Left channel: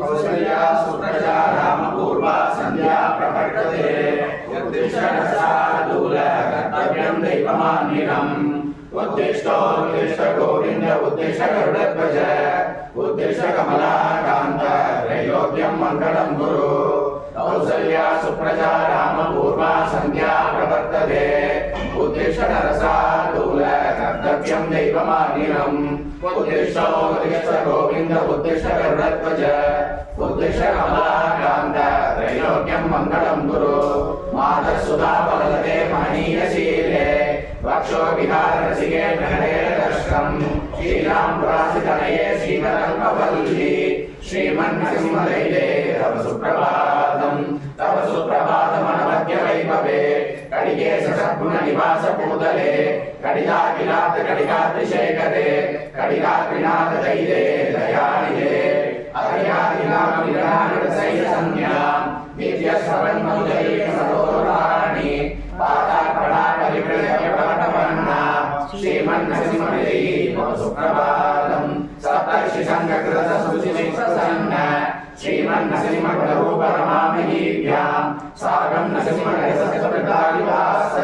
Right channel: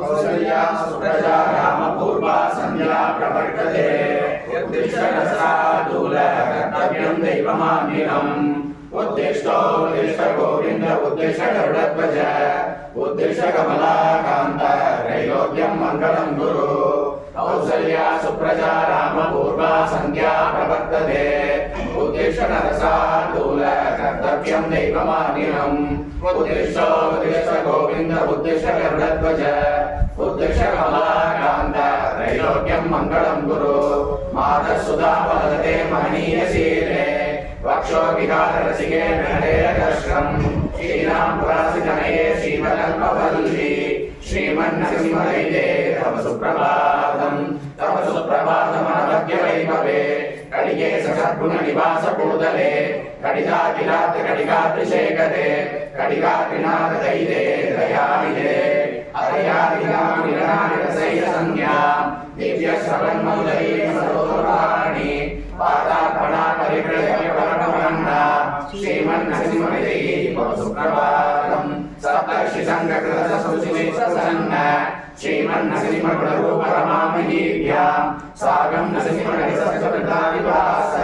कौसल्या सुप्रजा रामपूर्वा संध्या प्रवर्तते उत्तिष्ठ शार्दूल कर्तव्यं दैवमान्यम् उत्तिष्ठ गोविंद उत्तिष्ठ गरुडध्वज उत्तिष्ठ कमलाकान्त त्रैलोक्यं मङ्गलं कुरु कौसल्या सुप्रजा रामपूर्वा संध्या प्रवर्तते उत्तिष्ठ शार्दूल कर्तव्यं दैवमान्यम् उत्तिष्ठ गोविंद उत्तिष्ठ गरुडध्वज उत्तिष्ठ कमलाकान्त त्रैलोक्यं मङ्गलं कुरु मातस्सुधा वदते महनीयशीले वक्षो विहाररसिके नरेरकर्षम् श्रीरामपुरासितनये श्रीमदङ्गवल्ली श्रीमन्नरसिंहदैते तव सुप्रभातमनवद्यवैभवे कडिगे सद्गुणनिवास पूतले कडिगाकिलात कडिगात्रिशेखरे कडिगात्रिनाथ दैते दयानिधे अहयादिनामिनानरसैलसंज्ञां दिव्यश्रवन्मौदये सरोवराणि पादार्पणा परिव्रजप्रणपन्ना श्रीमन्नरसिंहदैते तव सुप्रभातम् सप्तर्षि संघकृत सुशिष्टसन्न श्रीमन्नरसिंहगुणरूप रमामहीभ्यां सागं नरसिंहगणसहस्रप्रदाविभास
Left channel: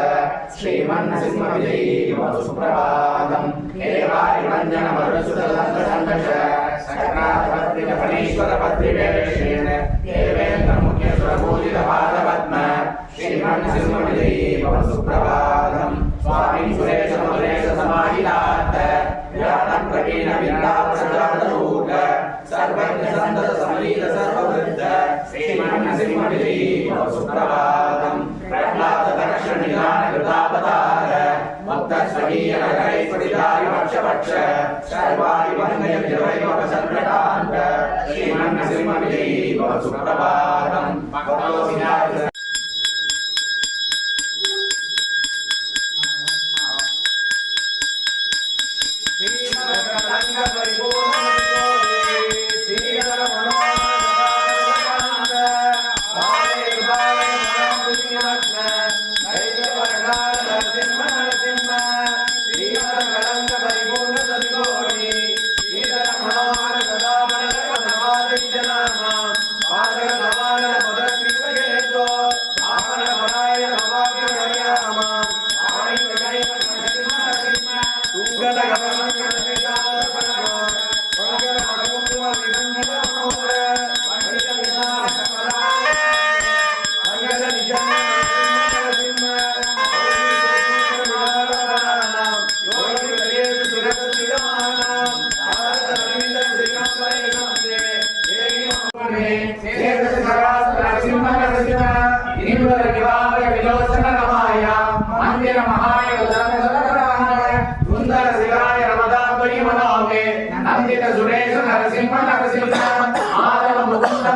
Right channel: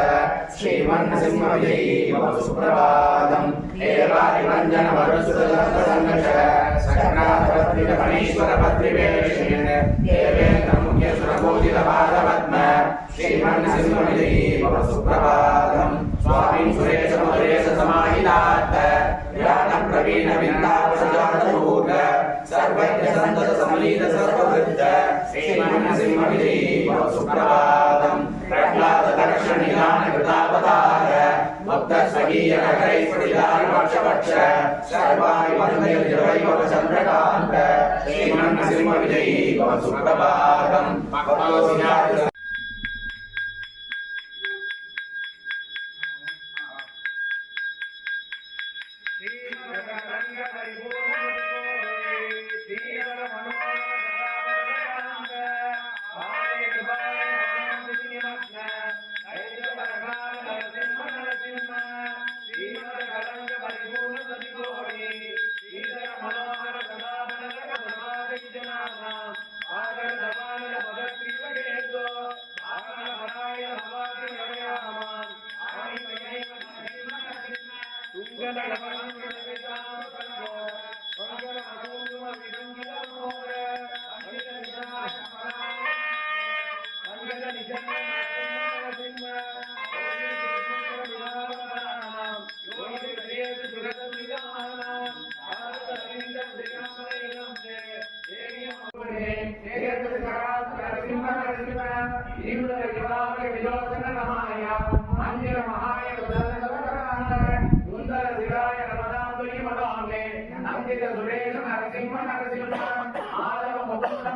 श्रीमन्नरसिंहदैते तव सुप्रभातम् एवारिवञ्जन वरुसुतसङ्गसङ्गश सकराधपत्रितफणीश्वर पत्रिवेशेन देवेन्द्र मुख्य सुरपूजित पादपद्म श्रीमन्नरसिंहदैते तव सुप्रभातम् स्वामी सुरेश मधुरेश समाहितार्थ ज्ञान प्रवीण विद्यावसजातरूप सर्वज्ञ संतत समलीत सर्ववृद्ध श्रीमन्नरसिंहदैते तव सुप्रभातम् प्रह्लाद दक्ष निधान कृतावतार भक्त स्वकीय नगरे स्फुटितारि वक्षवक्ष सर्वाणि वन्दे निर्वैभव चन्द्रकान्त श्रीमन्नरसिंहदैते तव सुप्रभातम्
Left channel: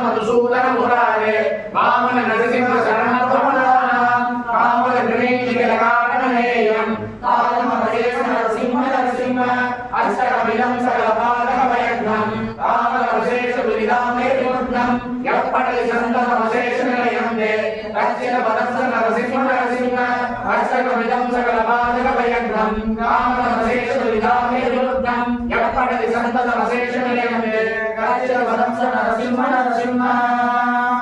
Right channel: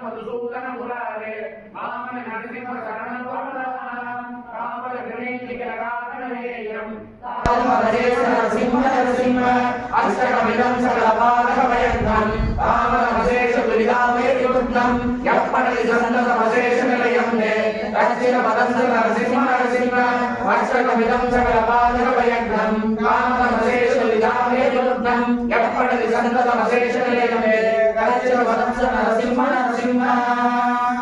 मधुसूदन मुरारे वामन नरसिंह शरण प्रमदानां कामल गणेश लगानमहेयं तारम नरेश नरसिंह अष्टकमिदं सकलपालकमयन्तं कामल विशेष दुरिदामे विमुक्तं यप्पटि सन्दतमशेष निलयं दे तच्चिर पदं नरसिंह अष्टकमिदं सकल